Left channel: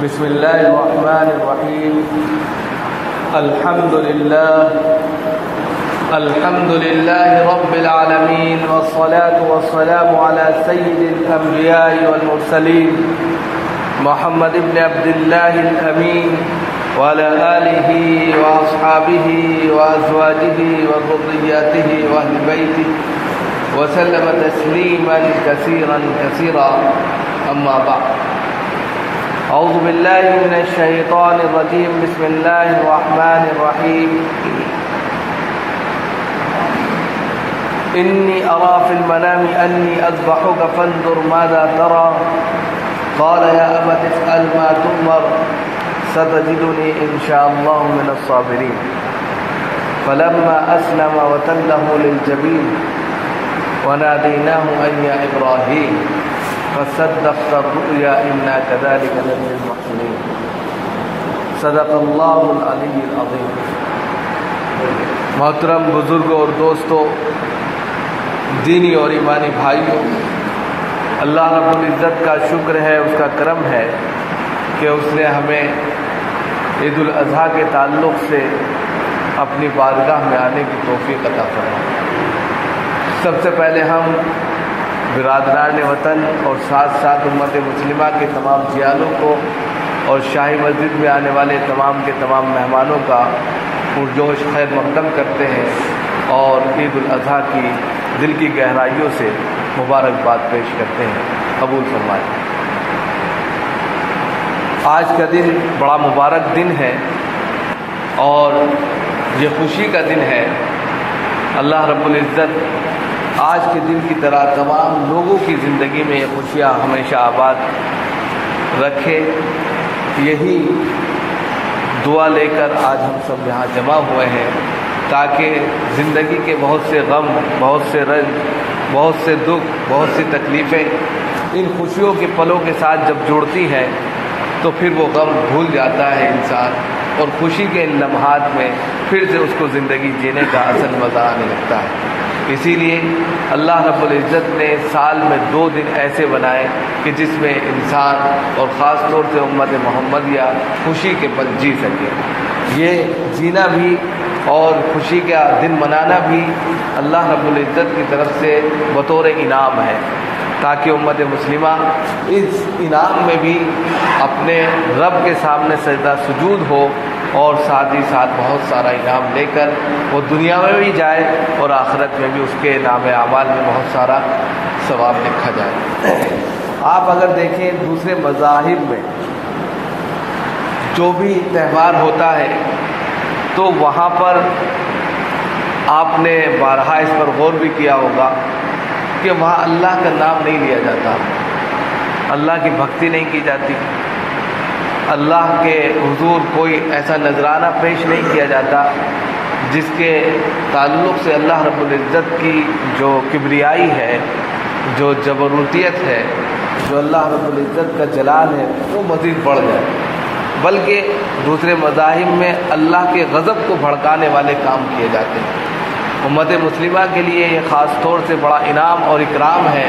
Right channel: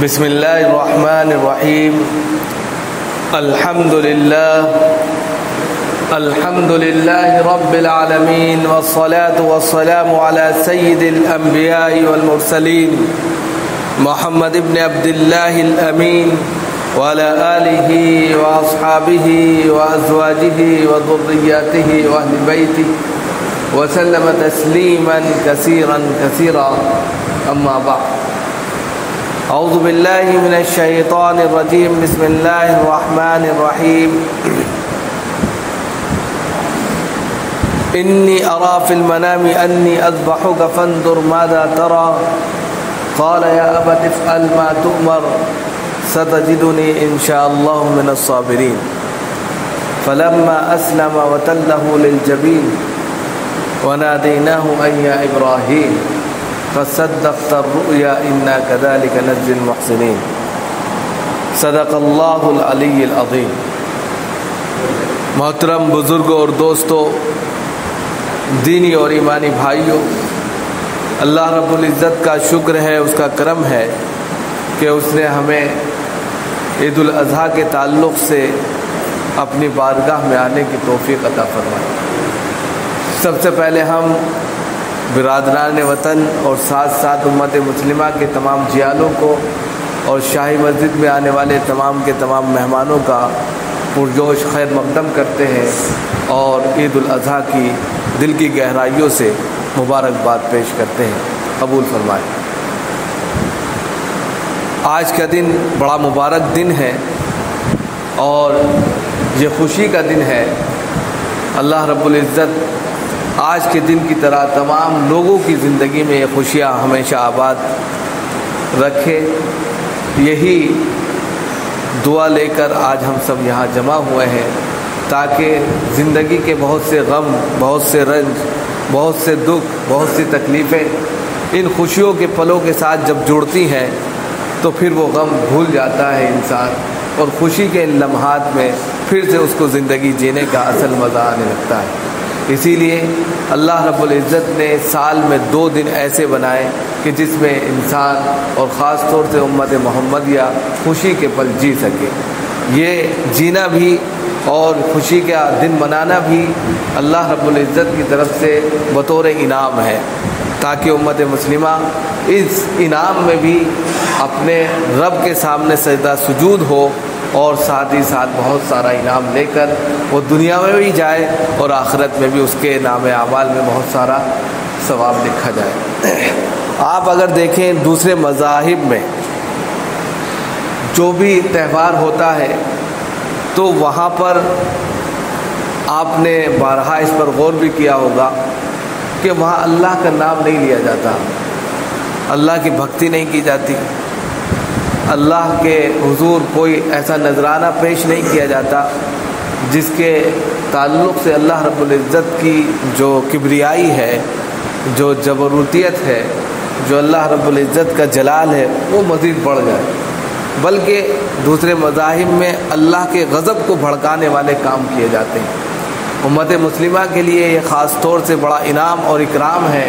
बिस्मिल्लाहिर्रहमानिर्रहीम। अल्हम्दुलिल्लाहि रब्बिल आलमीन वस्सलातु वस्सलामु अला सय्यिदिल अंबिया'i वल मुरसलीन मुहम्मद इब्न अब्दिल्लाहिल अमीन व अला आलिहि व अस्हाबिहि व अज़वाजिहि व ज़ुर्रिय्यतिहि व अहलि बैतिहि व सल्लम तस्लीमन कसीरन कसीरा। अम्मा बअद। औज़ु बिल्लाहि मिनश शैतानिर रजीम। बिस्मिल्लाहिर रहमानिर रहीम। इन्नी अरा फिल मनामी अन्नी अज़बहुका फंजुर माज़ा तरा क़ाल या अबति इफ़अल मा तु'मर सतजिदुनी इंशाअल्लाहु मिनस साबिरीन। फलम्मा अस्लमा वतल्लहु लिलजबीन वनादैनाहु अन या इब्राहीम फसद्दक़्ता रुया इन्ना कज़ालिका नज़्ज़िल मुहसिनीन। सदक़ल्लाहुल अलीयुल अज़ीम। मोहतरम बुजुर्गों और दोस्तों, दीनी और ईमानी भाइयों, अल्लाह रब्बुल इज़्ज़त का शुक्र है, उसका करम है कि उसने हमें ईद उल अज़हा के ताल्लुक़ से अपनी बारगाह में आने की तौफ़ीक़ अता फरमाई। सबसे पहले हम बिरादरान वतन और साथ साथ उम्मत मुस्लिमा के तमाम जियालों को और शाही मस्जिद में आने वाले तमाम के तमाम मेहमानों का पुरजोश खैर मक़दम करते हैं और ईद उल अज़हा की दिल की गहराइयों से मुबारकबाद पेश करते हैं। कबूल फरमाएं। आज का दिन बड़ा मुबारक दिन है और ये खुशी का दिन है। अल्लाह रब्बुल इज़्ज़त आज के दिन की तरह तमाम लोगों की ज़िंदगी में ये खुशियाँ हमेशा आबाद रखे। यही दुआ लेकर आज हम सब यहाँ जमा हुए हैं ताकि ज़िंदगी के बहुत से गम, बहुत से रंज, बहुत से दुख, बहुत सी तकलीफ़ें इन खुशियों के पलों के साथ जब जुड़ती हैं तो फिर वो गम भूल जाता है इंसान और खुशी के इन लम्हात में फिर से उसको ज़िंदगी जीने का असल मज़ा आने लगता है। इसीलिए अल्लाह रब्बुल इज़्ज़त ने साल में 2 दिन ऐसे बनाए कि जिसमें इंसान और ख़ास तौर से उम्मत मोहम्मदिया खुशी के पल जी सके। ये जीना भी और खुशी का दिन मनाना भी अल्लाह रब्बुल इज़्ज़त की तरफ से बतौर इनाम है ताकि उम्मत मुस्लिमा इस इनाम में भी अपने रब के सामने सजदा सुजूद हो और साथ ही साथ बहुत सारा इनाम लेकर वो दुनिया में भी जाए और आखिरत में भी उसके नाम आमाल में बहुत सारा सवाब लिखा जाए। आप अगर देखें दूसरे मज़ाहिब में जो भी त्यौहार होता है तो वहाँ पर आपने बारहा इस पर गौर भी किया होगा कि वहाँ अल्लाह का नाम नहीं लिया जाता, अल्लाह की भक्ति नहीं की जाती, अल्लाह के हुजूर कोई ऐसा नजराना पेश नहीं किया जाता जिसके ताल्लुक़ से अल्लाह रब्बुल इज़्ज़त की जो किब्रियाई है, जो जबरूतियत है, जो अल्लाह रब्बुल इज़्ज़त का जलाल है वो मज़ीद बढ़ जाए। बल्कि दूसरे मज़ाहिब में अल्लाह के गज़ब को भड़काने वाले काम किए जाते हैं। उम्मत मुस्लिमा के लिए ये ख़ास तौर से बड़ा इनाम और इकराम है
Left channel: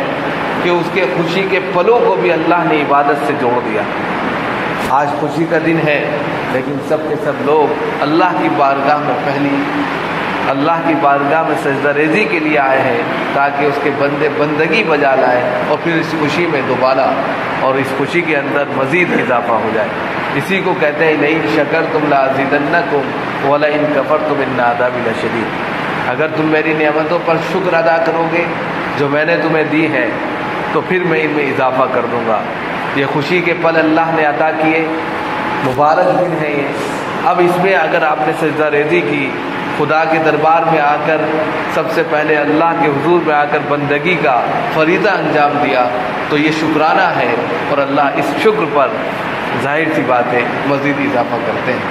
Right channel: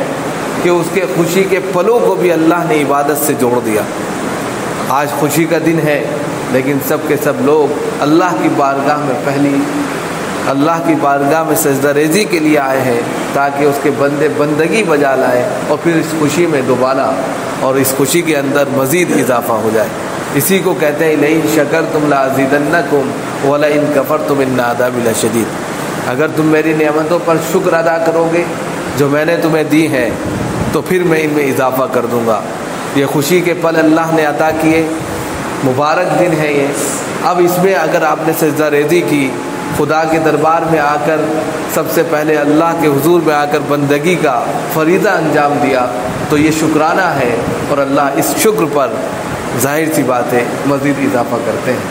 कि उसके खुशी के पलों को भी अल्लाह ने इबादत से जोड़ दिया। आज खुशी का दिन है लेकिन सब के सब लोग अल्लाह की बारगाह में पहली अल्लाह की बारगाह में सजदा रेज़ी के लिए आए हैं ताकि उसके बंदे बंदगी बजा लाए और फिर इस खुशी में दोबारा और इस खुशी के अंदर मज़ीद इजाफ़ा हो जाए। इसी को कहते हैं लइन शकरतुम लअज़ीदन्नकुम व लइन कफ़रतुम इन्न अज़ाबी लशदीद। अगर तुम मेरी नेमतों पर शुक्र अदा करोगे जो मैंने तुम्हें दी है तो फिर मैं इनमें इजाफ़ा कर दूँगा। ये खुशी के पल अल्लाह ने अता किए, मुबारक दिन है ये। अब इसमें अगर आपने सजदा रेज़ी की, खुदा के दरबार में आकर सबसे पहले अल्लाह के हुजूर में आकर बंदगी का फरीज़ा अंजाम दिया तो ये शुक्राना है और अल्लाह इस शुक्र पर ज़ाहिर सी बात है मज़ीद इजाफ़ा करते हैं।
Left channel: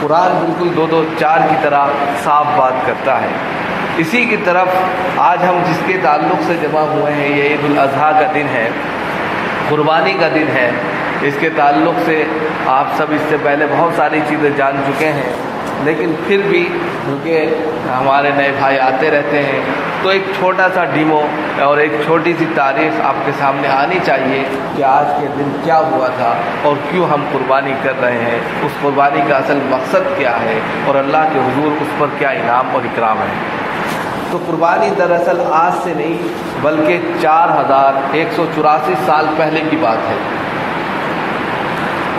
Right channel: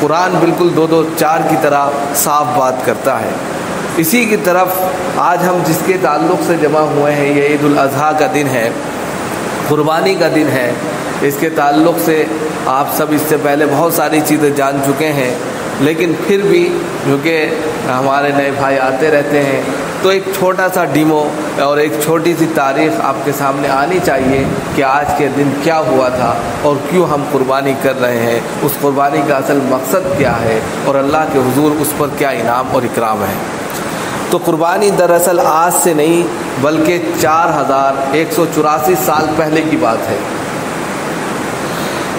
कुरान बिल्कुल 2-2-4 की तरह साफ बात करता है। इसी की तरफ आज हम जिसके ताल्लुक़ से जमा हुए हैं ये ईद उल अज़हा का दिन है, कुर्बानी का दिन है। इसके ताल्लुक़ से आप सब इससे पहले बहुत सारी चीज़ें जान चुके हैं लेकिन फिर भी क्योंकि हमारे नए भाई आते रहते हैं تو ایک چھوٹا سا ڈیمو اور ایک چھوٹی سی تاریخ آپ کے سامنے آنی چاہیے کہ آج کے دن کیا ہوا تھا اور کیوں ہم قربانی کر رہے ہیں، اس قربانی کا اصل مقصد کیا ہے اور اللہ کے حضور اس پر کیا انعام اور اکرام ہے۔ تو قربانی دراصل آج سے نہیں بلکہ 4184 سال پہلے کی بات ہے۔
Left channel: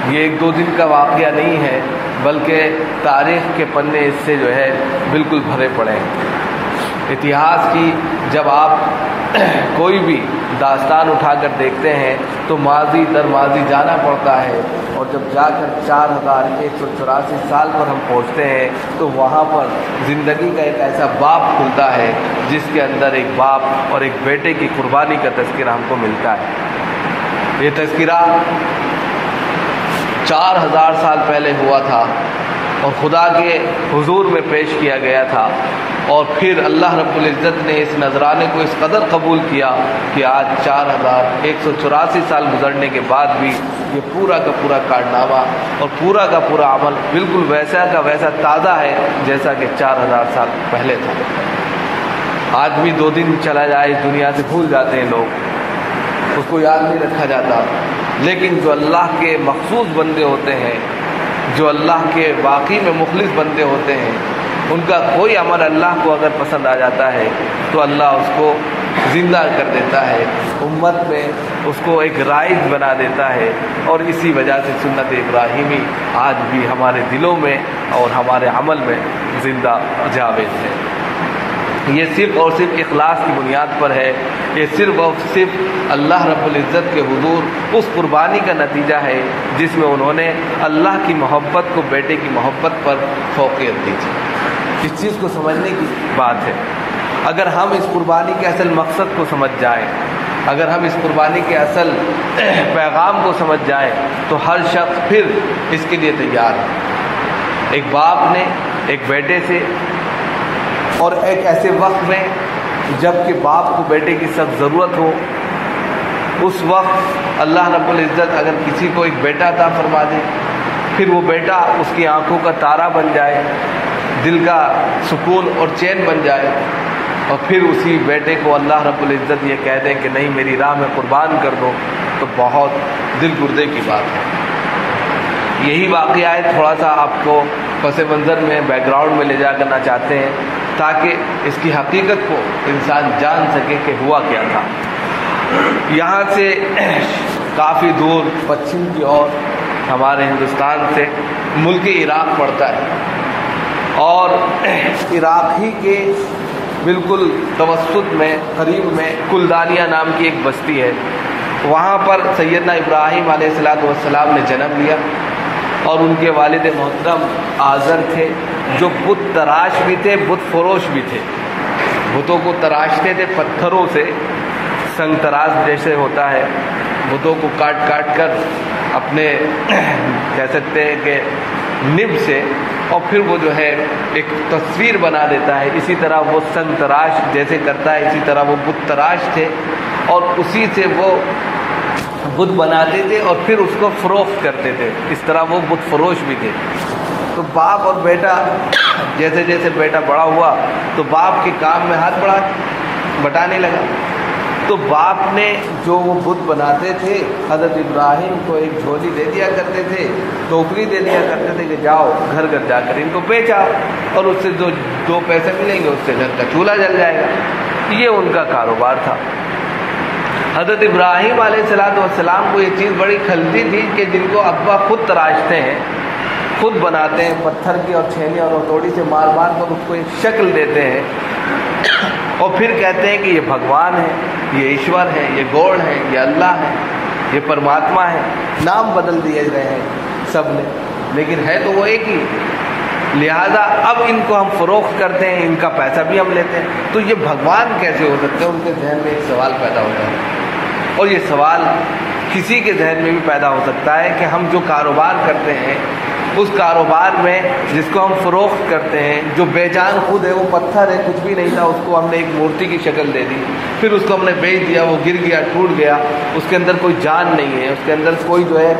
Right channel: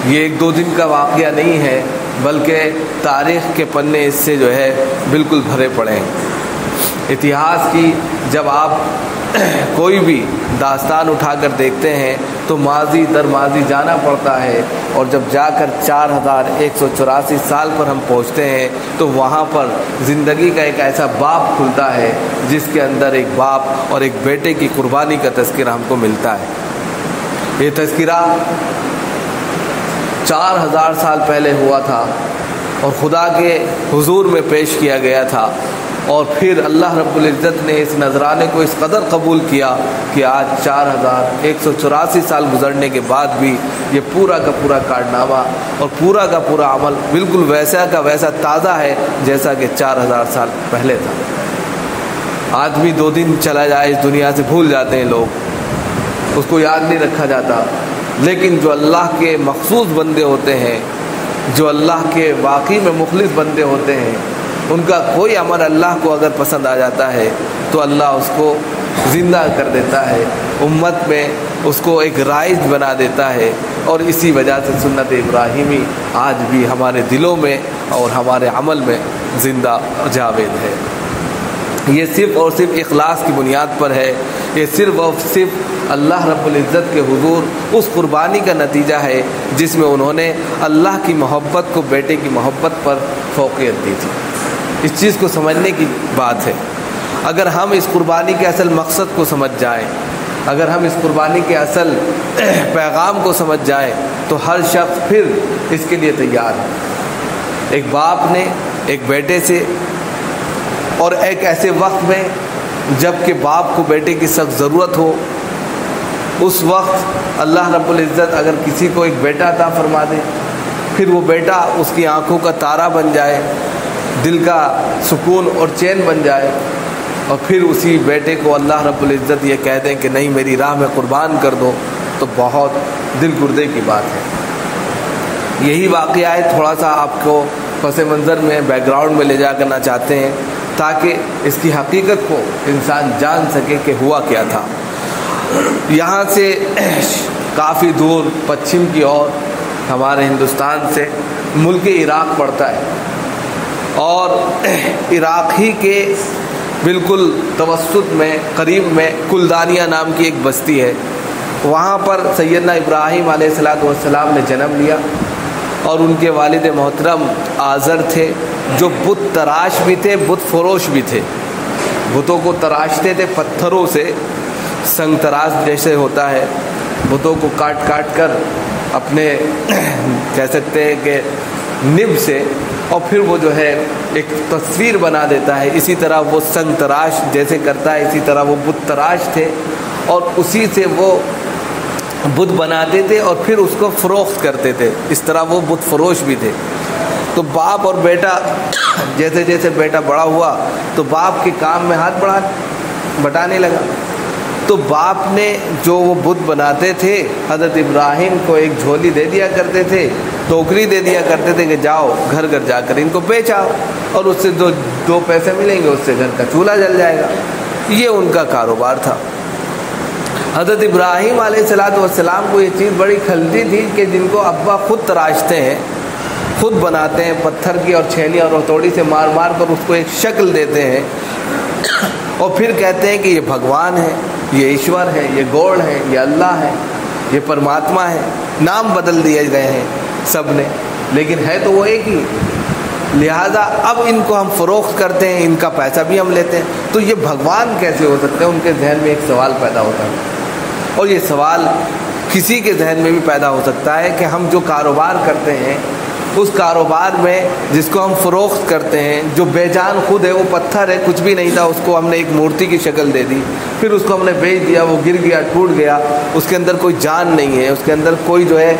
یہ ایک دو دن کا واقعہ نہیں ہے بلکہ تاریخ کے پنے اس سے جو ہے بالکل بھرے پڑے ہیں۔ اتہاس کی جب آپ کوئی بھی داستان اٹھا کر دیکھتے ہیں تو ماضی در ماضی جانا پڑتا ہے، اور جب جا کر 4184 سال پر ہم پہنچتے ہیں تو وہاں پر زندگی کا ایک ایسا باب کھلتا ہے جس کے اندر ایک باپ اور ایک بیٹے کی قربانی کا تذکرہ ہم کو ملتا ہے۔ یہ تذکرہ 4000 سال پہلے ہوا تھا اور خدا کے حضور میں پیش کیا گیا تھا، اور پھر اللہ رب العزت نے اس نذرانے کو اس قدر قبول کیا کہ آج 4184 سال گزرنے کے بعد بھی یہ پورا کا پورا کارنامہ اور پورا کا پورا عمل بالکل ویسا کا ویسا تازہ ہے جیسا کہ 4000 سال پہلے تھا۔ آج بھی 2 دن چلا جائے اس دنیا سے بھول جاتے ہیں لوگ، اس کو یاد نہیں رکھا جاتا، لیکن جو اللہ کے مخصوص بندے ہوتے ہیں، جو اللہ کے واقعی میں مخلص بندے ہوتے ہیں، ان کا کوئی عمل اللہ کو اگر پسند آ جاتا ہے تو اللہ اس کو زندہ کر دیتا ہے، امت میں اس کو ایک رائج بنا دیتا ہے، اور اسی وجہ سے سنت ابراہیمی آج بھی ہمارے دلوں میں اور ہمارے عمل میں زندہ جاوید ہے۔ یہ صرف اور صرف اخلاص کی بنیاد پر ہے، یہ صرف اور صرف اللہ رب العزت کے حضور اس قربانی کا نتیجہ ہے جس میں انہوں نے اللہ کی محبت کو بیٹے کی محبت پر فوقیت دی تھی۔ اس چیز کو سمجھنے کی بات ہے۔ اگر ہم اس قربانی کے اصل مقصد کو سمجھ جائیں، اگر ہم اس قربانی کے اصل پیغام کو سمجھ جائیں تو ہر شخص پھر اس کے لیے تیار ہے۔ ایک باپ نے ایک بیٹے سے، اور ایک ایسے وقت میں جب کہ باپ کو بیٹے کی سخت ضرورت ہو، اس وقت اللہ رب العزت اگر کسی کو ایک بیٹا عطا فرما دے، پھر وہ بیٹا اس کی آنکھوں کا تارا بن جائے، دل کا سکون اور چین بن جائے، اور پھر اسی بیٹے کو اللہ رب العزت یہ کہہ دیں کہ نہیں میری راہ میں قربان کر دو، تو بہت دل گردے کی بات ہے۔ یہی واقعہ ہے، تھوڑا سا آپ کو پس منظر میں بیک گراؤنڈ میں لے جا کرنا چاہتے ہیں تاکہ اس کی حقیقت کو انسان جان سکے کہ ہوا کیا تھا۔ یہاں سے کافی دور پچھم کی اور ہمارے ہندوستان سے ملک عراق پڑتا ہے، اور عراق ہی کے بالکل توسط میں قریب میں کلدانیہ نام کی ایک بستی ہے۔ وہاں پر سیدنا ابراہیم علیہ السلام نے جنم لیا، اور ان کے والد محترم آزر تھے جو بت تراش بھی تھے، بت فروش بھی تھے۔ بتوں کو تراشتے تھے پتھروں سے، سنگ تراش جیسے ہوتا ہے، بتوں کو کاٹ کاٹ کر اپنے کہہ سکتے ہیں کہ نب سے، اور پھر وہ جو ہے ایک تصویر بنا دیتا ہے۔ اسی طرح وہ سنگ تراش جیسے کرتا ہے، اسی طرح وہ بت تراش تھے، اور اسی سے وہ بت بناتے تھے اور پھر اس کو فروخت کرتے تھے۔ اس طرح وہ بت فروش بھی تھے۔ تو باپ اور بیٹا، جیسے جیسے بیٹا بڑا ہوا تو باپ کے کام میں ہاتھ بٹانے لگا۔ تو باپ نے جو وہ بت بناتے تھے حضرت ابراہیم کو ایک جھولی دے دیا کرتے تھے، ٹوکری دے دیا کرتے تھے کہ جاؤ گھر گھر جا کر ان کو بیچ آؤ، اور اس سے جو 2 پیسے ملیں گے اس سے گھر کا چولہا جل جائے گا۔ یہ ان کا کاروبار تھا۔ حضرت ابراہیم علیہ السلام کو یہ چیز بڑی کھلتی تھی کہ جن کو ابا خود تراشتے ہیں، خود بناتے ہیں، پتھر کی اور چھینی اور ہتھوڑی سے مار مار کر اس کو ایک شکل دیتے ہیں، اور پھر کہتے ہیں کہ یہ بھگوان ہے، یہ ایشور ہے، یہ گوڑ ہے، یہ اللہ ہے، یہ پرماتما ہے۔ نام بدل دیے گئے ہیں سب نے، لیکن ہے تو وہ ایک ہی۔ لہذا اب ان کو ہم فروخت کرتے ہیں، ان کا پیسہ بھی ہم لیتے ہیں، تو یہ بھگوان کیسے ہو سکتے ہیں؟ ان کے ذہن میں ایک سوال پیدا ہوتا ہے، اور یہ سوال کسی کے ذہن میں بھی پیدا ہو سکتا ہے کہ ہم جو کاروبار کرتے ہیں اس کاروبار میں جس کو ہم فروخت کرتے ہیں، جو بے جان خود ہے، وہ پتھر ہے، کچھ بھی نہیں تھا، اس کو ہم نے ایک مورتی کی شکل دے دی، پھر اس کو ہم نے بیچ دیا، وہ گر گیا، ٹوٹ گیا، اس کے اندر کوئی جان نہیں ہے، اس کے اندر کوئی جو ہے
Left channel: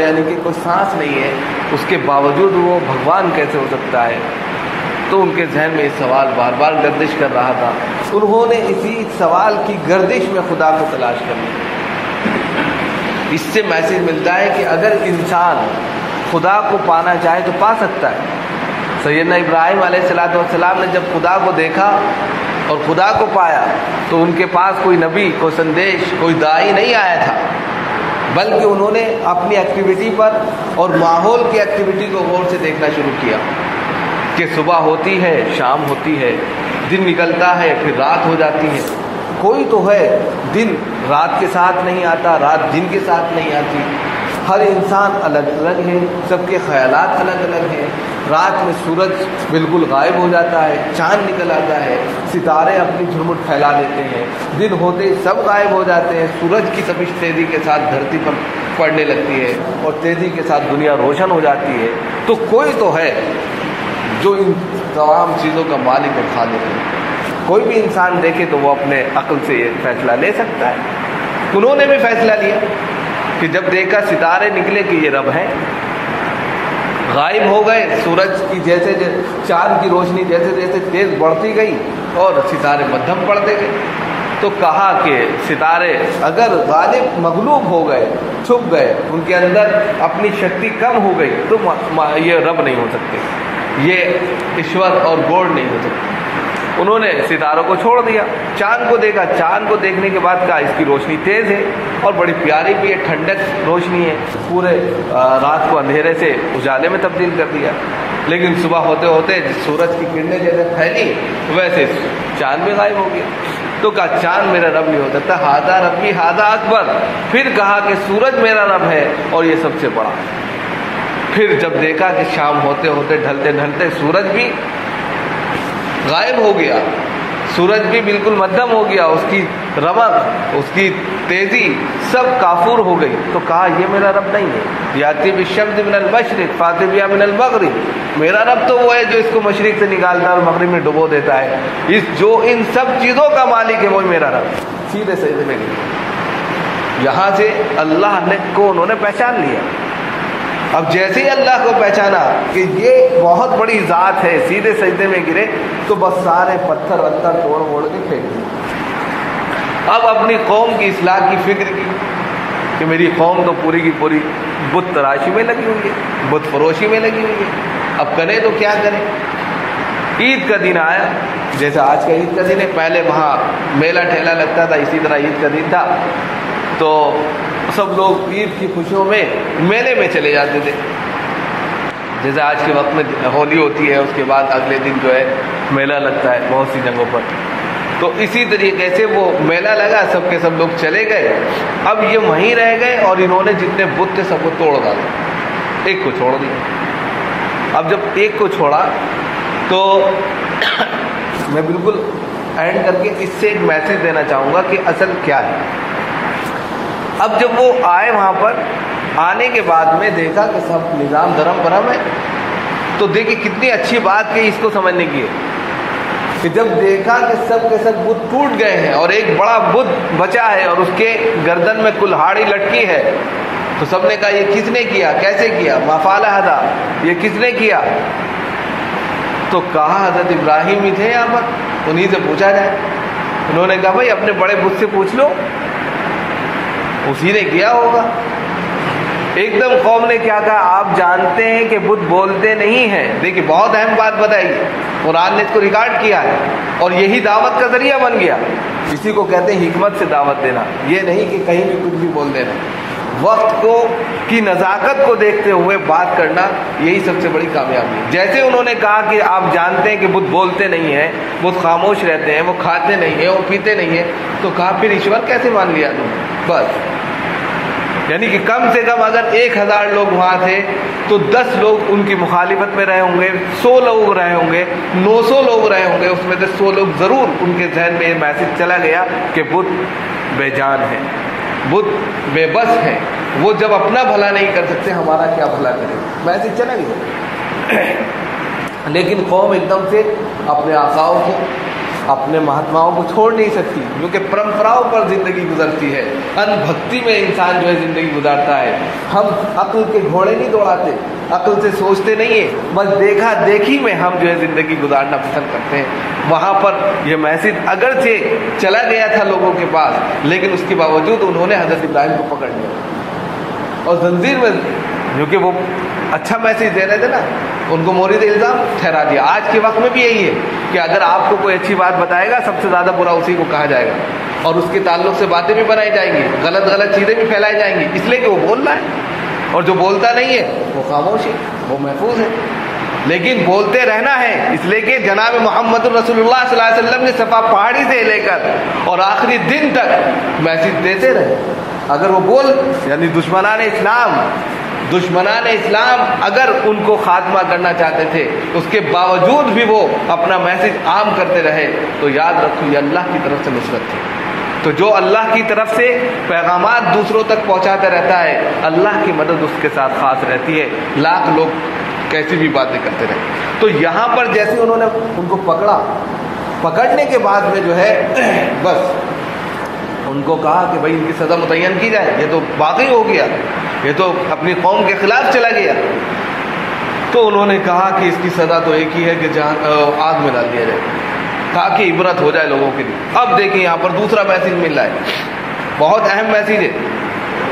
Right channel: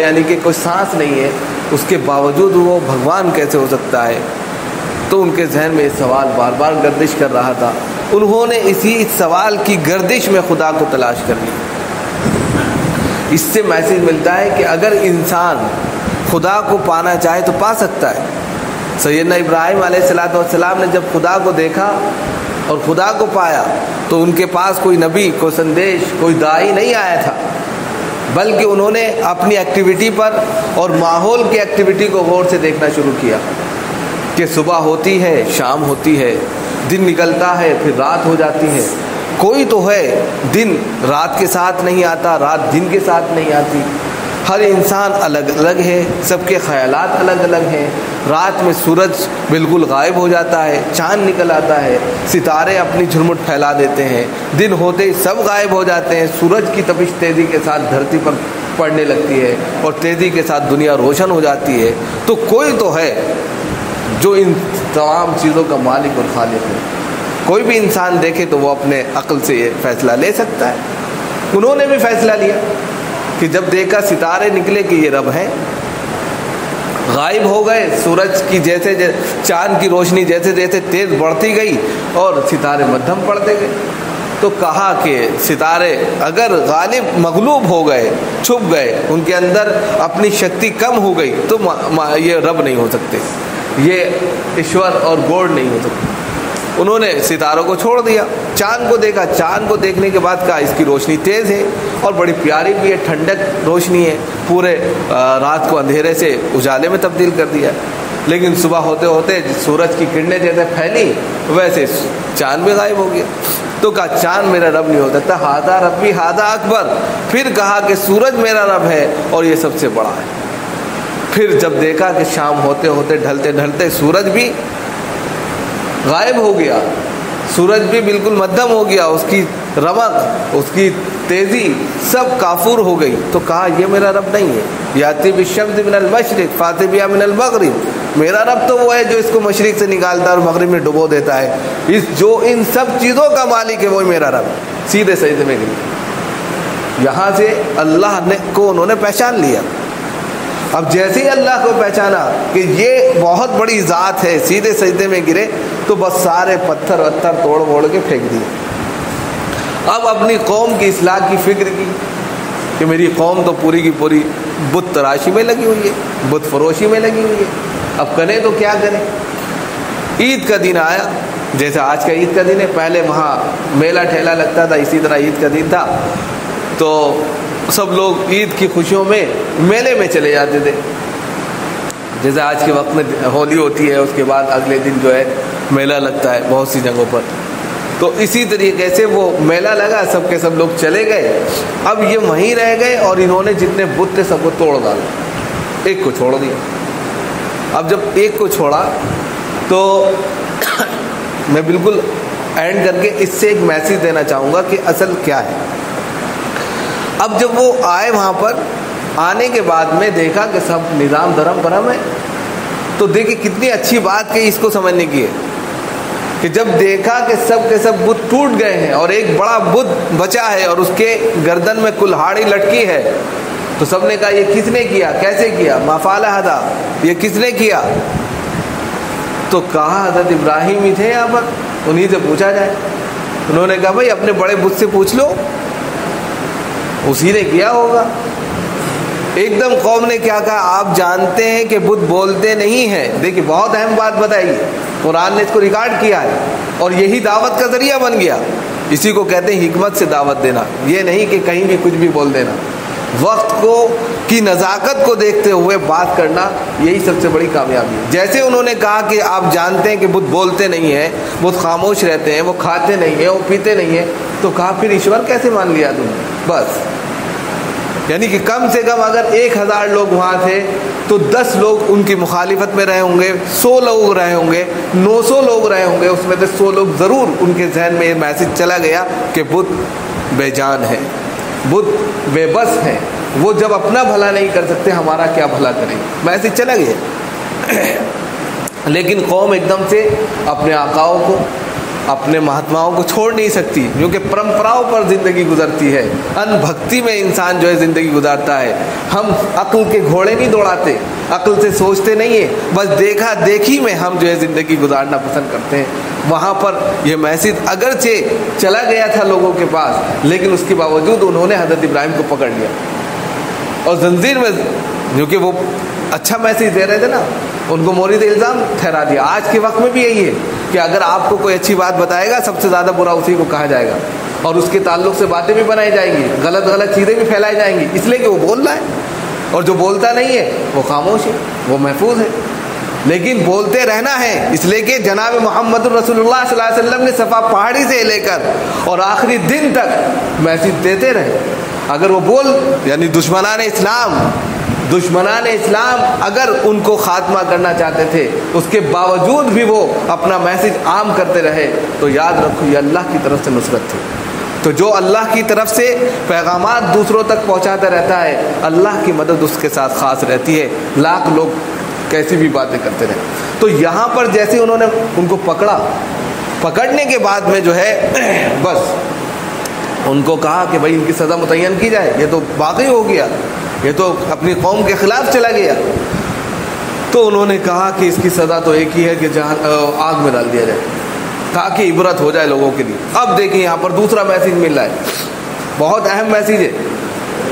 یعنی کہ کوئی سانس نہیں ہے، اس کے باوجود وہ بھگوان کیسے ہو سکتا ہے؟ تو ان کے ذہن میں یہ سوال بار بار گردش کر رہا تھا۔ انہوں نے اسی سوال کی گردش میں خدا کو تلاش کر لیا۔ اس سے میسج ملتا ہے کہ اگر انسان خدا کو پانا چاہے تو پا سکتا ہے۔ سیدنا ابراہیم علیہ السلام نے جب خدا کو دیکھا اور خدا کو پایا تو ان کے پاس کوئی نبی، کوئی سندیش، کوئی داعی نہیں آیا تھا، بلکہ انہوں نے اپنی ایکٹیویٹی پر اور ماحول کی ایکٹیویٹی کو غور سے دیکھنا شروع کیا کہ صبح ہوتی ہے، شام ہوتی ہے، دن نکلتا ہے، پھر رات ہو جاتی ہے۔ کوئی تو ہے، دن رات کے ساتھ نہیں آتا، رات دن کے ساتھ نہیں آتی۔ ہر انسان الگ الگ ہے، سب کے خیالات الگ الگ ہیں۔ رات میں سورج بالکل غائب ہو جاتا ہے، چاند نکل آتا ہے، ستارے اپنی جھرمٹ پھیلا دیتے ہیں، دن ہوتے ہی سب غائب ہو جاتے ہیں، سورج کی تپش تیزی کے ساتھ دھرتی پر پڑنے لگتی ہے اور تیزی کے ساتھ دنیا روشن ہو جاتی ہے۔ تو کوئی تو ہے جو ان تمام چیزوں کا مالک اور خالق ہے۔ کوئی بھی انسان دیکھے تو وہ اپنے عقل سے یہ فیصلہ لے سکتا ہے۔ انہوں نے بھی فیصلہ لیا کہ جب دیکھا ستارے نکلے کہ یہ رب ہے، غائب ہو گئے، سورج کی جیسے چاند کی روشنی جیسے جیسے تیز بڑھتی گئی اور ستارے مدھم پڑتے گئے، تو کہا کہ ستارے اگر غالب مغلوب ہو گئے، چھپ گئے، ان کے اندر اپنی شکتی کم ہو گئی تو یہ رب نہیں ہو سکتے، یہ ایشور اور گوڈ نہیں ہو سکتے۔ انہوں نے ستاروں کو چھوڑ دیا، چاند کو دیکھا، چاند کو دیکھنے کے بعد کہا اس کی روشنی تیز ہے اور بڑی پیاری بھی ہے، ٹھنڈک روشنی ہے، پورے رات کو اندھیرے سے اجالے میں تبدیل کر دیا۔ لیکن صبح ہوتے ہوتے سورج کی کرنیں جیسے پھیلی ویسے چاند بھی غائب ہو گیا۔ تو کہا چاند میرا رب نہیں ہو سکتا، ہاذا ربی ہاذا اکبر۔ پھر کہا کہ سورج میرا رب ہے اور یہ سب سے بڑا ہے۔ پھر جب دیکھا کہ شام ہوتے ہوتے ڈھلتے ڈھلتے سورج بھی غائب ہو گیا، سورج بھی بالکل مدھم ہو گیا، اس کی رمق، اس کی تیزی سب کافور ہو گئی، تو کہا یہ میرا رب نہیں ہے۔ یاتی بالشمس من المشرق فاتی بہا من المغرب، میرا رب تو وہ ہے جو اس کو مشرق سے نکالتا ہے اور مغرب میں ڈبو دیتا ہے، جو ان سب چیزوں کا مالک ہے وہی میرا رب۔ سیدھے سجدے میں گئے۔ یہاں سے اللہ کو انہوں نے پہچان لیا۔ اب جیسے ہی اللہ کو پہچانا کہ یہ بہت بڑی ذات ہے، سیدھے سجدے میں گرے تو بس سارے پتھر وتھر توڑ کے پھینک دیے۔ اب اپنی قوم کی اصلاح کی فکر کی کہ میری قوم تو پوری کی پوری بت تراشی میں لگی ہوئی ہے، بت فروشی میں لگی ہوئی ہے، اب کریں تو کیا کریں۔ عید کا دن آیا، جیسا آج کا عید کا دن ہے، پہلے وہاں میلہ ٹھیلا لگتا تھا، اسی طرح عید کا دن تھا، تو سب لوگ عید کی خوشیوں میں میلے میں چلے جاتے تھے۔ جیسے آج کے وقت میں ہولی ہوتی ہے، اس کے بعد اگلے دن جو ہے میلہ لگتا ہے بہت سی جگہوں پر، تو اسی طریقے سے وہ میلہ لگا، سب کے سب لوگ چلے گئے۔ اب یہ وہیں رہ گئے اور انہوں نے جتنے بت تھے سب کو توڑ ڈالا، ایک کو چھوڑ دیا۔ اب جب ایک کو چھوڑا تو میں بالکل اینڈ کر کے اس سے ایک میسج دینا چاہوں گا کہ اصل کیا ہے۔ اب جب وہ آئے وہاں پر، آنے کے بعد میں دیکھا کہ سب نظام درم برم ہے، تو دیکھیں کتنی اچھی بات کہ اس کو سمجھنے کی ہے کہ جب دیکھا کہ سب کے سب بت ٹوٹ گئے ہیں اور ایک بڑا بت بچا ہے اور اس کے گردن میں کلہاڑی لٹکی ہے، تو سب نے کہا یہ کس نے کیا، کیسے کیا، ما فعل ھذا، یہ کس نے کیا؟ تو کہا حضرت ابراہیم ہی تھے یہاں پر، انہیں سے پوچھا جائے۔ انہوں نے کہا بھائی اپنے بڑے بت سے پوچھ لو، اسی نے کیا ہوگا۔ ایک دم قوم نے کیا کہا، آپ جانتے ہیں کہ بت بولتے نہیں ہیں۔ دیکھیے بہت اہم بات بتائی، قرآن نے اس کو ریکارڈ کیا ہے اور یہی دعوت کا ذریعہ بن گیا۔ اسی کو کہتے ہیں حکمت سے دعوت دینا، یہ نہیں کہ کہیں بھی کچھ بھی بول دینا، وقت کو کی نزاکت کو دیکھتے ہوئے بات کرنا، یہی سب سے بڑی کامیابی ہے۔ جیسے انہوں نے کہا کہ آپ جانتے ہیں کہ بت بولتے نہیں ہیں، بت خاموش رہتے ہیں، وہ کھاتے نہیں ہیں، وہ پیتے نہیں ہیں، تو کہا پھر ایشور کیسے مان لیا تم؟ بس یعنی کہ کم سے کم اگر 1000 لوگ وہاں تھے تو 10 لوگ ان کی مخالفت میں رہے ہوں گے، 100 لوگ رہے ہوں گے، 900 لوگ رہے ہوں گے، اس میں سے 100 لوگ ضرور ان کے ذہن میں یہ میسج چلا گیا کہ بت بے جان ہے، بت بے بس ہے، وہ جب اپنا بھلا نہیں کر سکتے ہمارا کیا بھلا کریں، میسج چلا گیا۔ لیکن قوم ایک دم سے اپنے آقاؤں کو، अपने महात्माओं को छोड़ नहीं सकती, क्योंकि परंपराओं पर ज़िंदगी गुजरती है। अनभक्ति में इंसान जो है ज़िंदगी गुजारता है। हम अक्ल के घोड़े नहीं दौड़ाते, अक्ल से सोचते नहीं है, बस देखा देखी में हम जो है ज़िंदगी गुजारना पसंद करते हैं। वहाँ पर यह मैसेज अगरचे चला गया था लोगों के पास, लेकिन उसके बावजूद उन्होंने हज़रत इब्राहिम को पकड़ लिया और जंजीर में, क्योंकि वो अच्छा मैसेज दे रहे थे ना, उनको मोरिद इल्ज़ाम ठहरा दिया। आज के वक्त में भी यही है कि अगर आपको कोई अच्छी बात बताएगा, सबसे ज़्यादा बुरा उसी को कहा जाएगा और उसके ताल्लुक से बातें भी बनाई जाएंगी, गलत गलत चीज़ें भी फैलाई जाएंगी, इसलिए कि वो बोल रहा है। और जो बोलता नहीं है वो खामोश है, वो महफूज है। लेकिन बोलते रहना है, इसलिए कि जनाब मोहम्मद रसूलुल्लाह सल्लल्लाहु अलैहि वसल्लम ने सफ़ा पहाड़ी से लेकर और आखिरी दिन तक मैसेज देते रहे। अगर वो बोल यानी दुश्मनान इस्लाम अगर उनको खात्मा करना चाहते थे, उसके बावजूद भी वो अपना मैसेज आम करते रहे, तो याद रखो ये अल्लाह की तरफ से नुसरत थी। तो जो अल्लाह की तरफ से पैगामात दूसरों तक पहुंचाता रहता है, अल्लाह की मदद उसके साथ खास रहती है, लाख लोग कैसी भी बातें करते रहे। तो यहाँ पर जैसे उन्होंने उनको पकड़ने के बाद में जो है बस उनको कहा कि भाई इनकी सज़ा मुतय्यन की जाए, ये तो वाकई हो गया, ये तो अपनी कौम के खिलाफ चला गया। तो उन्होंने कहा कि इसकी सज़ा तो एक ही है कि जहाँ आग में डाल दिया जाए, ताकि इबरत हो जाए लोगों के लिए। अब देखिए यहाँ पर दूसरा मैसेज मिल रहा है, बहुत अहम मैसेज है।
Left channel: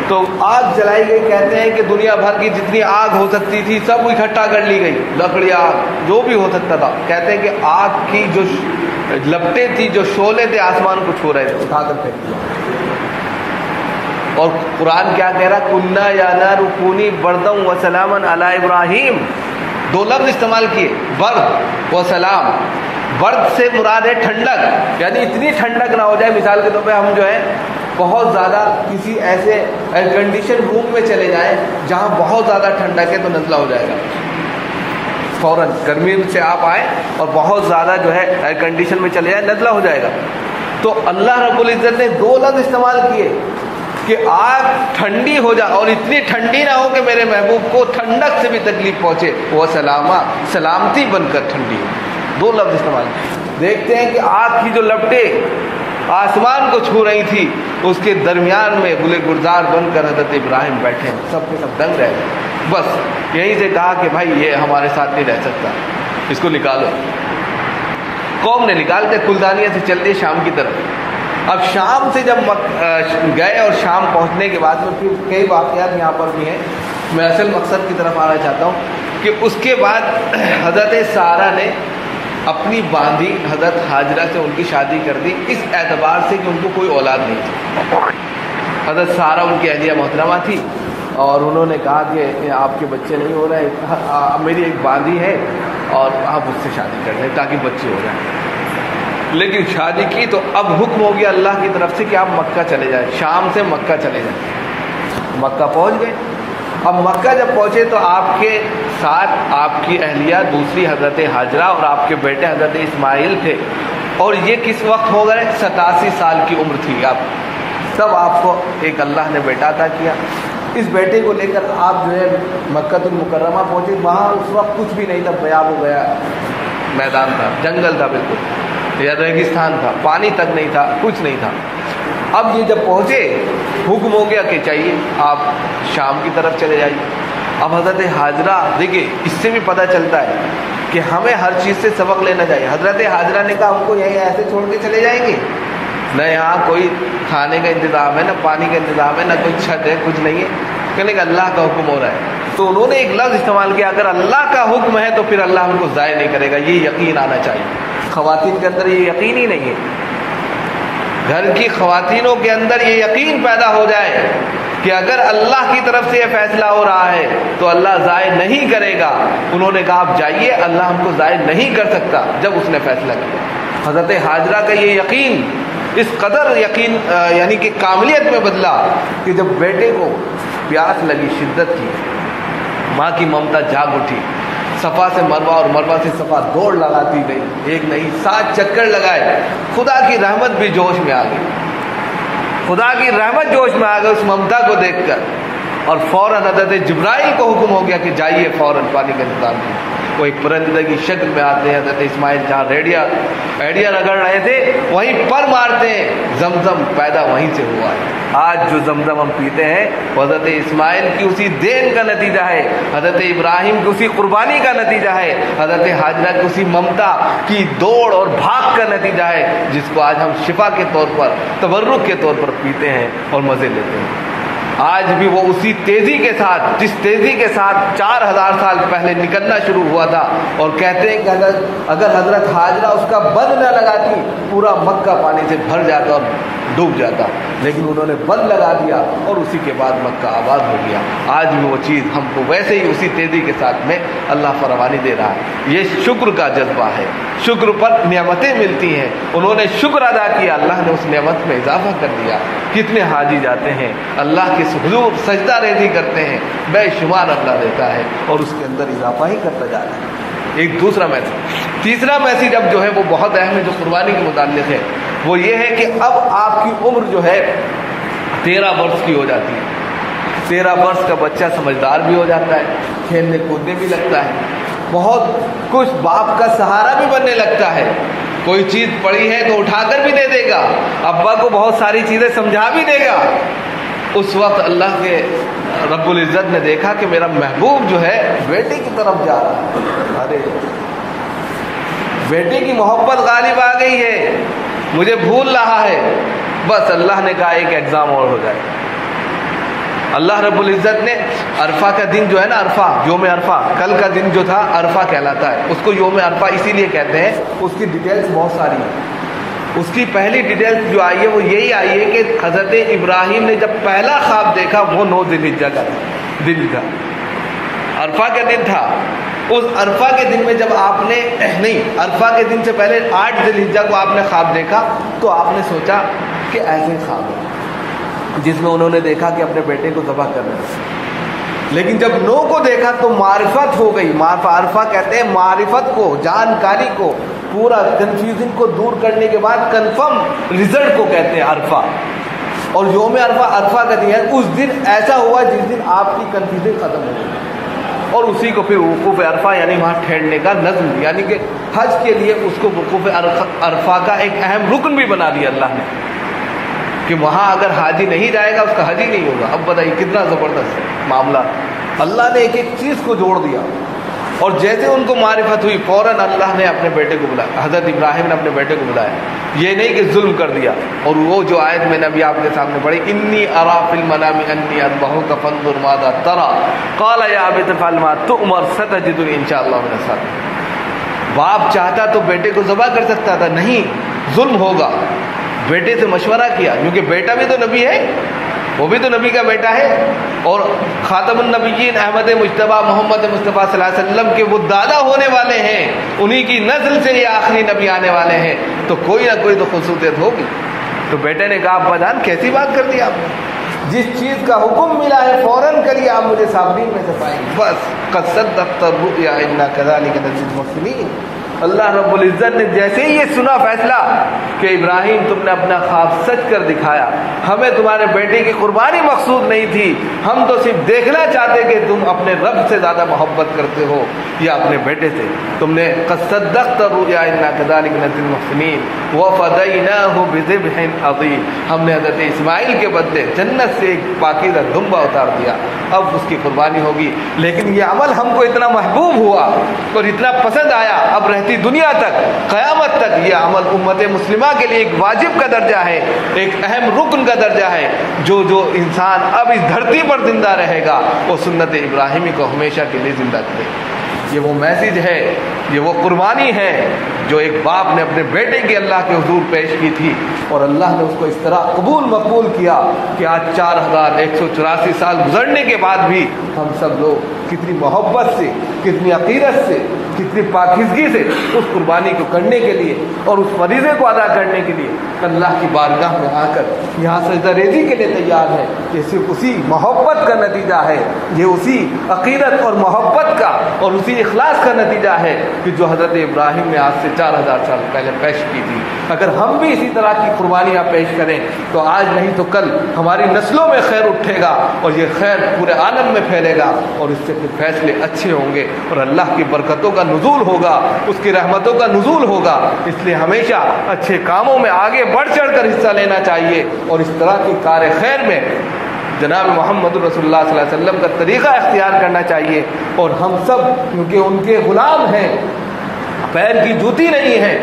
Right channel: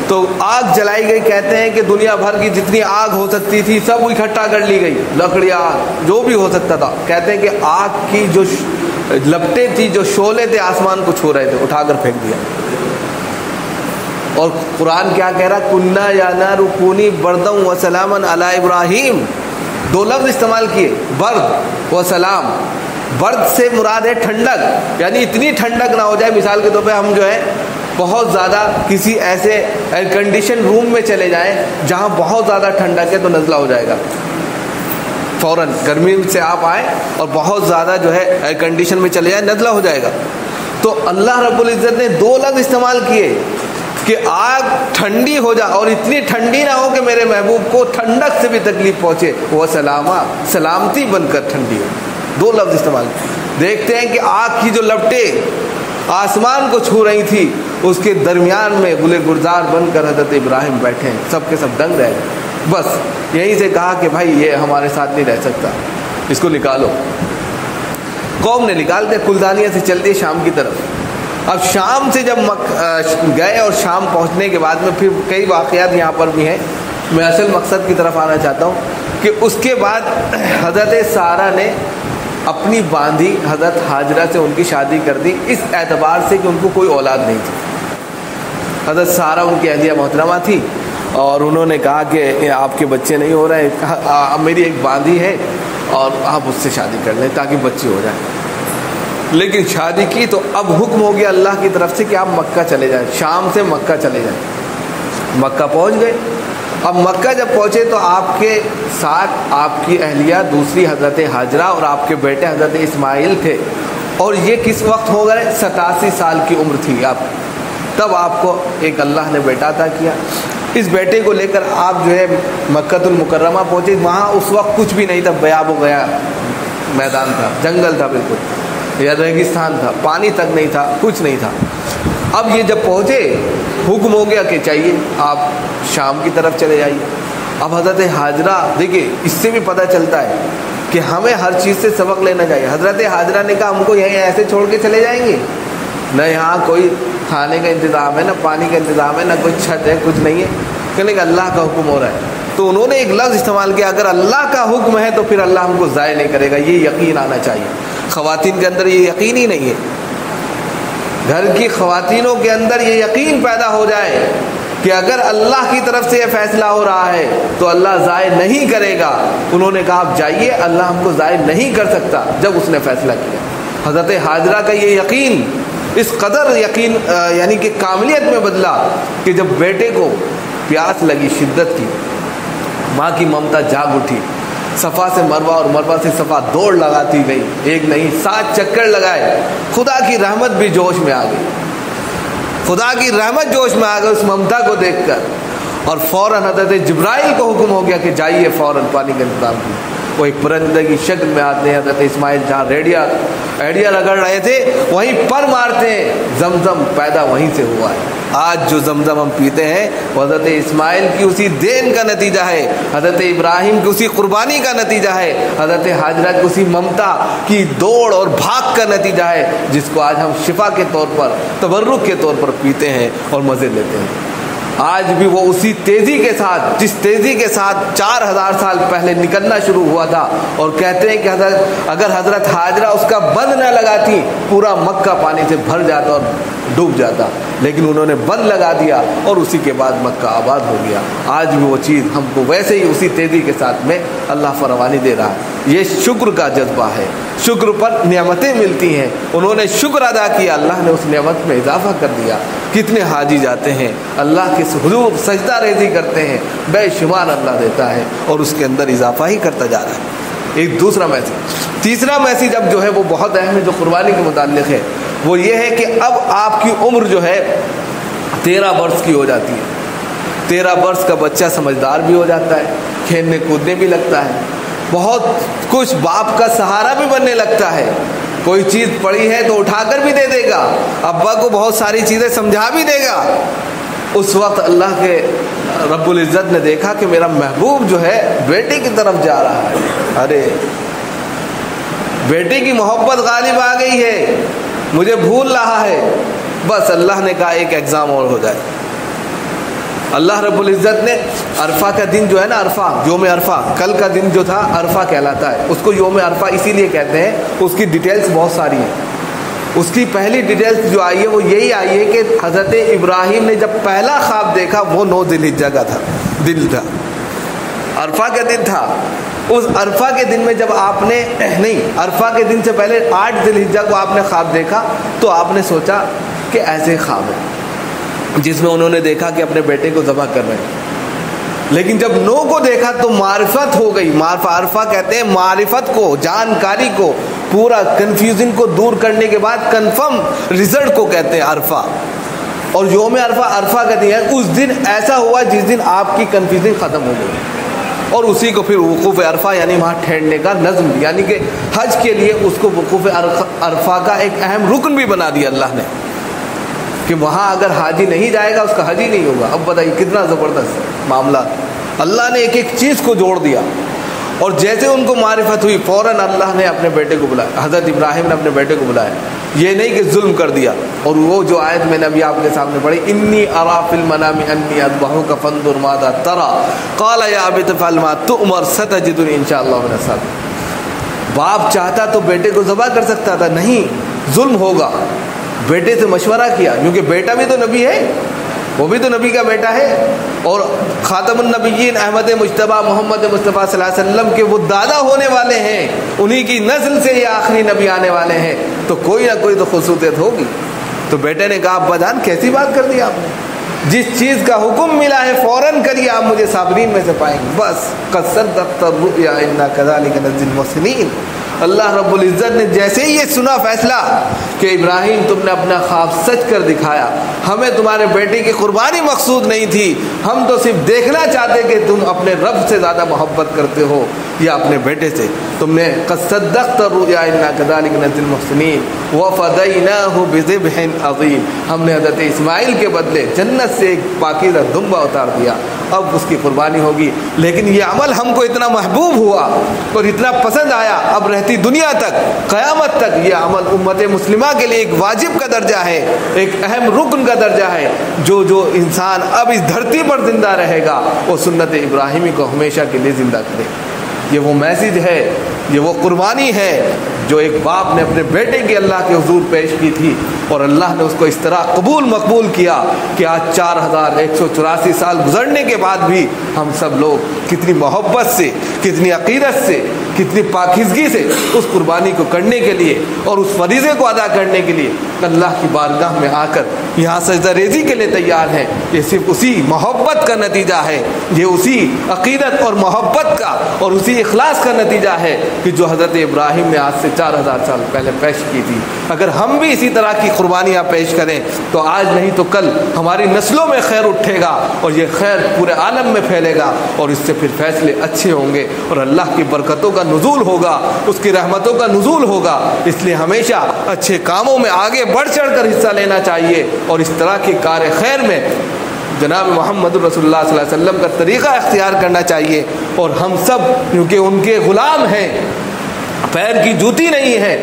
तो आग जलाई गई, कहते हैं कि दुनिया भर की जितनी आग हो सकती थी सब इकट्ठा कर ली गई, लकड़ियाँ जो भी हो सकता था। कहते हैं कि आग की जो लपटे थी, जो शोले थे आसमान को छू रहे थे, उठाकर फेंक दिया। और कुरान क्या कह रहा, कुन्ना या नारु कूनी बर्दम व सलामन अला इब्राहिम। दो लफ्ज़ इस्तेमाल किए, बर्द व सलाम। बर्द से मुराद है ठंडक, यानी इतनी ठंडक ना हो जाए, मिसाल के तौर पे हम जो है बहुत ज़्यादा किसी ऐसे एयर कंडीशन रूम में चले जाएं जहाँ बहुत ज़्यादा ठंडक है, तो नज़ला हो जाएगा फ़ौरन। गर्मी से आप आए और बहुत ज़्यादा जो है एयर कंडीशन में चले जाए, नज़ला हो जाएगा। तो अल्लाह रब्बुल इज़्ज़त ने दो लफ्ज़ इस्तेमाल किए कि आग ठंडी हो जाए और इतनी ठंडी ना हो कि मेरे महबूब को ठंडक से भी तकलीफ पहुँचे, वो सलामती बनकर ठंडी हो। दो लफ्ज़ इस्तेमाल। देखते हैं कि आग की जो लपटे आसमान को छू रही थी, उसके दरमियान में गुले गुलजार बनकर हज़रत इब्राहिम बैठे हैं, सब के सब दंग रहे। बस यहीं से कहा कि भाई ये हमारे साथ नहीं रह सकता, इसको निकालो। कौम ने निकाल के कुलदानिया से चल दिए शाम की तरफ। अब शाम से जब गए और शाम पहुंचने के बाद में फिर कई वाक़यात यहाँ पर भी हैं, मैं असल मकसद की तरफ आना चाहता हूँ कि उसके बाद हज़रत सारा ने अपनी बांधी हज़रत हाजरा से उनकी शादी कर दी, इस एतबार से कि उनको कोई औलाद नहीं थी। हज़रत सारा उनकी अहलिया मोहतरमा थी और उन्होंने कहा कि आपके बच्चे नहीं हो रहे, मेरी एक बांधी है और आप उससे शादी कर लें ताकि बच्चे हो जाए। लेकिन शादी की तो अब हुक्म हो गया अल्लाह की तरफ से कि आप मक्का चले जाएं, शाम से मक्का चले जाएं। मक्का पहुंच गए। अब मक्का जब पहुंचे तो आपके साथ आपकी अहलिया, दूसरी हज़रत हाजरा और आपके बेटे हज़रत इस्माइल थे। और ये किस वक्त हो गए, 87 साल की उम्र थी आप, तब आपको एक अल्लाह ने बेटा अता किया। इस बेटे को लेकर आप जो है मक्कतुल मुकर्रमा पहुँचे। वहाँ उस वक्त कुछ भी नहीं था, बयाब हो गया मैदान था, जंगल था बिल्कुल, या रेगिस्तान था, पानी तक नहीं था, कुछ नहीं था। अब ये जब पहुँचे हुक्म हो गया कि चाहिए आप शाम की तरफ चले जाइए। अब हज़रत हाजरा, देखिए इससे भी पता चलता है कि हमें हर चीज़ से सबक लेना चाहिए। हज़रत हाजरा ने कहा हमको यहीं ऐसे छोड़ के चले जाएंगे, न यहाँ कोई खाने का इंतज़ाम है, न पानी का इंतज़ाम है, न कुछ छत है, कुछ नहीं है। कहने का अल्लाह का हुक्म हो रहा है। तो उन्होंने एक लफ्ज़ इस्तेमाल किया, अगर अल्लाह का हुक्म है तो फिर अल्लाह हमको ज़ाय नहीं करेगा, ये यकीन आना चाहिए। ख़वातीन के अंदर ये यकीन ही नहीं है। घर की ख़वातीनों के अंदर ये यकीन पैदा हो जाए कि अगर अल्लाह की तरफ से ये फैसला हो रहा है तो अल्लाह ज़ाय नहीं करेगा। उन्होंने कहा आप जाइए, अल्लाह हमको ज़ाय नहीं कर सकता जब उसने फैसला किया। हज़रत हाजरा का ये यकीन इस कदर यकीन यानी कि कामलियत में बदला कि जब बेटे को प्यास लगी शिद्दत की, माँ की ममता जाग उठी, सफ़ा से मरवा और मरवा से सफ़ा दौड़ लगाती गई, एक नहीं 7 चक्कर लगाए। खुदा की रहमत भी जोश में आ गई, खुदा की रहमत जोश में आ गई उस ममता को देखकर। और फ़ौरन हज़रत जिब्राइल को हुक्म हो गया कि जाइए फ़ौरन पानी का इंतज़ाम कीजिए। वो एक परिंदे की शक्ल में आते हैं। हज़रत इस्माइल जहाँ एड़िया रगड़ रहे थे वहीं पर मारते हैं, जमजम पैदा वहीं से हुआ है। आज जो जमजम हम पीते हैं वो हज़रत इस्माइल की उसी देन का नतीजा है, हज़रत इब्राहिम की उसी कुर्बानी का नतीजा है, हज़रत हाजरा की उसी ममता की दौड़ और भाग का नतीजा है, जिसको आज हम शिफा के तौर पर, तबर्रुक के तौर पर पीते हैं और मज़े लेते हैं। आज भी वो उसी तेज़ी के साथ, जिस तेज़ी के साथ 4000 साल पहले निकलना शुरू हुआ था। और कहते हैं कि अगर हज़रत हाजरा उसका बंद न लगाती पूरा मक्का पानी से भर जाता और डूब जाता, लेकिन उन्होंने बंद लगा दिया और उसी के बाद मक्का आबाद हो गया। आज भी वो चीज़ हमको वैसे ही उसी तेज़ी के साथ में अल्लाह फरमानी दे रहा है। ये शुक्र का जज्बा है, शुक्र पर नेमतें मिलती हैं, उन्होंने शुक्र अदा किया, अल्लाह ने उस नेमत में इजाफा कर दिया। कितने हाजी जाते हैं अल्लाह के हुजूर सजदा रेज़ी करते हैं, बेशुमार अल्लाह देता है और उसके अंदर इजाफा ही करता जा रहा है। एक दूसरा मैसेज, तीसरा मैसेज अब जो है वो बहुत अहम है, जो कुर्बानी के मुताल्लिक़ है, वो ये है कि अब आपकी उम्र जो है 13 वर्ष की हो जाती है। 13 वर्ष का बच्चा समझदार भी हो जाता है, खेलने कूदने भी लगता है, बहुत कुछ बाप का सहारा भी बनने लगता है। कोई चीज़ पड़ी है तो उठाकर भी दे देगा, अब्बा को बहुत सारी चीज़ें समझा भी देगा। उस वक्त अल्लाह के रब्बुल इज़्ज़त ने देखा कि मेरा महबूब जो है बेटे की तरफ जा रहा है, अरे बेटे की मोहब्बत गालिब आ गई है, मुझे भूल रहा है। बस अल्लाह ने कहा एक एग्ज़ाम और हो जाए। अल्लाह रब्बुल इज़्ज़त ने अरफा का दिन जो है ना, अरफा योम अरफा, कल का दिन जो था अरफा कहलाता है, उसको योम अरफा इसीलिए कहते हैं, उसकी डिटेल्स बहुत सारी हैं। उसकी पहली डिटेल्स जो आई है वो यही आई है कि हज़रत इब्राहिम ने जब पहला ख्वाब देखा वो 9 ज़िलहिज्जा का था, दिन था, अरफा का दिन था। उस अरफा के दिन में जब आपने अरफा के दिन से पहले 8 ज़िलहिज्जा को आपने ख्वाब देखा तो आपने सोचा कि ऐसे ख्वाब है जिसमें उन्होंने देखा कि अपने बेटे को ज़बह कर रहे हैं, लेकिन जब 9 को देखा तो मारिफत हो गई। अरफा कहते हैं मारिफत को, जानकारी को, पूरा कंफ्यूजन को दूर करने के बाद कंफर्म रिजल्ट को कहते हैं अरफा। और योम अरफा का दिन है, उस दिन ऐसा हुआ जिस दिन आपकी कंफ्यूजन ख़त्म हो गई, और उसी को फिर वकूफ़ अरफा यानी वहाँ ठहरने का नज़्म, यानी कि हज के लिए उसको वकूफ़ अरफा का एक अहम रुकन भी बना दिया अल्लाह ने, कि वहाँ अगर हाजी नहीं जाएगा उसका हज ही नहीं होगा। अब बताइए कितना ज़बरदस्त मामला, अल्लाह ने एक एक चीज़ को जोड़ दिया। और जैसे उनको मारिफत हुई फ़ौरन अल्लाह ने अपने बेटे को बुलाया, हज़रत इब्राहिम ने अपने बेटे को बुलाया, ये नहीं कि जुल्म कर दिया। और वो जो आयत मैंने अभी आपके सामने पढ़ी, इन्नी अरा फिल मनामी अन्नी अज़बहुका फंजुर माज़ा तरा क़ाल या अबती फ़अल मा तुअमर सतजिदुनी इंशाअल्लाह मिनस साबिरीन। बाप चाहता तो बेटे को ज़बह कर सकता था, नहीं, जुल्म होगा। बेटे से मशवरा किया, क्योंकि बेटा भी तो नबी है, वो भी तो नबी का बेटा है, और खातमुन नबिय्यीन अहमद मुज्तबा मोहम्मद मुस्तफ़ा सल्लल्लाहु अलैहि वसल्लम के वो दादा होने वाले हैं, उन्हीं की नस्ल से ये आखिरी नबी आने वाले हैं, तो कोई ना कोई तो खुसूसियत होगी। तो बेटे ने कहा अब्बा जान कैसी बात कर दी आपने, जिस चीज़ का हुक्म मिला है फ़ौरन करिए, आप मुझे साबरीन में से पाएंगे। बस क़द सद्दक़्ता रुया इन्ना कज़ालिका नज़्ज़िल मुहसिनीन। अल्लाह रब्बुल इज़्ज़त ने जैसे ही ये सुना फैसला कि इब्राहिम तुमने अपना ख्वाब सच कर दिखाया, हमें तुम्हारे बेटे की कुर्बानी मकसूद नहीं थी, हम तो सिर्फ देखना चाहते कि तुम अपने रब से ज़्यादा मोहब्बत करते हो या अपने बेटे से। तुमने क़द सद्दक़्ता रुया इन्ना कज़ालिका नज़्ज़िल मुहसिनीन व फ़दैनाहु बिज़िब्हिन अज़ीम। हमने हज़रत इस्माइल के बदले जन्नत से एक पाकीज़ा दुम्बा उतार दिया, अब उसकी कुर्बानी होगी। लेकिन ये अमल हमको इतना महबूब हुआ और इतना पसंद आया, अब रहती दुनिया तक, क़यामत तक ये अमल उम्मत मुस्लिमा के लिए एक वाजिब का दर्जा है, एक अहम रुकन का दर्जा है। जो इंसान अब इस धरती पर जिंदा रहेगा वो सुन्नत इब्राहिमी को हमेशा के लिए ज़िंदा करे। ये वो मैसेज है, ये वो कुर्बानी है जो एक बाप ने अपने बेटे की अल्लाह के हुजूर पेश की थी, और अल्लाह ने उसको इस तरह कबूल मकबूल किया कि आज 4184 साल गुजरने के बाद भी हम सब लोग कितनी मोहब्बत से, कितनी अकीदत से, कितनी पाकिज़गी से उस कुर्बानी को करने के लिए और उस फरीज़े को अदा करने के लिए अल्लाह की बारगाह में आकर यहाँ सजदा रेज़ी के लिए तैयार है। ये सिर्फ उसी मोहब्बत का नतीजा है, ये उसी अकीदत और मोहब्बत का और उसी इखलास का नतीजा है کہ جو حضرت ابراہیم نے آج سے 4000 سال پہلے پیش کی تھی۔ اگر ہم بھی اسی طرح کی قربانیاں پیش کریں تو آج نہیں تو کل ہماری نسلوں میں خیر اٹھے گا اور یہ خیر پورے عالم میں پھیلے گا، اور اس سے پھر فیصلے اچھے ہوں گے اور اللہ کی برکتوں کا نزول ہوگا، اس کی رحمتوں کا نزول ہوگا۔ اس لیے ہمیشہ اچھے کاموں میں آگے بڑھ چڑھ کر حصہ لینا چاہیے، اور اس طرح کی کار خیر میں جناب محمد رسول اللہ صلی اللہ علیہ وسلم کا طریقہ اختیار کرنا چاہیے۔ اور ہم سب کیونکہ ان کے غلام ہیں، پیر کی جوتی نہیں ہے،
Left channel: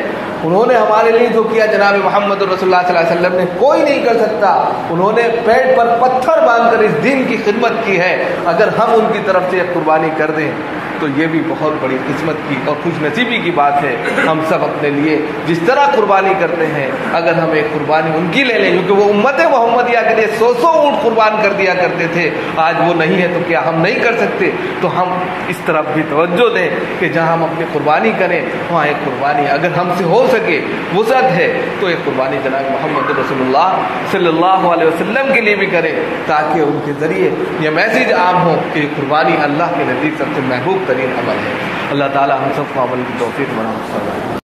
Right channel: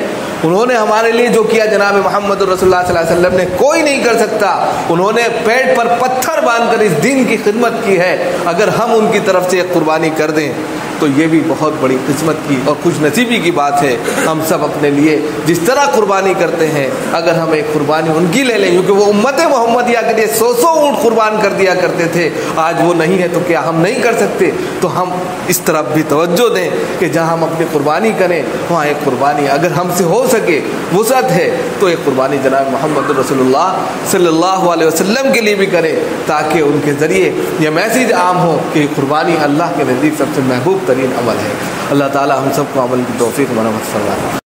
انہوں نے ہمارے لیے جو کیا جناب محمد رسول اللہ صلی اللہ علیہ وسلم نے کوئی نہیں کر سکتا۔ انہوں نے پیٹ پر پتھر باندھ کر اس دین کی خدمت کی ہے۔ اگر ہم ان کی طرف سے ایک قربانی کر دیں تو یہ بھی بہت بڑی قسمت کی اور خوش نصیبی کی بات ہے۔ ہم سب اپنے لیے جس طرح قربانی کرتے ہیں، اگر ہم ایک قربانی ان کی لے لیں، کیونکہ وہ امت محمدیہ کے لیے 100 اونٹ قربان کر دیا کرتے تھے، آج وہ نہیں ہے تو کیا ہم نہیں کر سکتے؟ تو ہم اس طرف بھی توجہ دیں کہ جہاں ہم اپنی قربانی کریں وہاں ایک قربانی اگر ہم سے ہو سکے، وسعت ہے، تو ایک قربانی جناب محمد رسول اللہ صلی اللہ علیہ وسلم کے لیے بھی کریں، تاکہ ان کے ذریعے یہ میسیج عام ہو کہ قربانی اللہ کے نزدیک سب سے محبوب ترین عمل ہے۔ اللہ تعالی ہم سب کو عمل کی توفیق فرمائے۔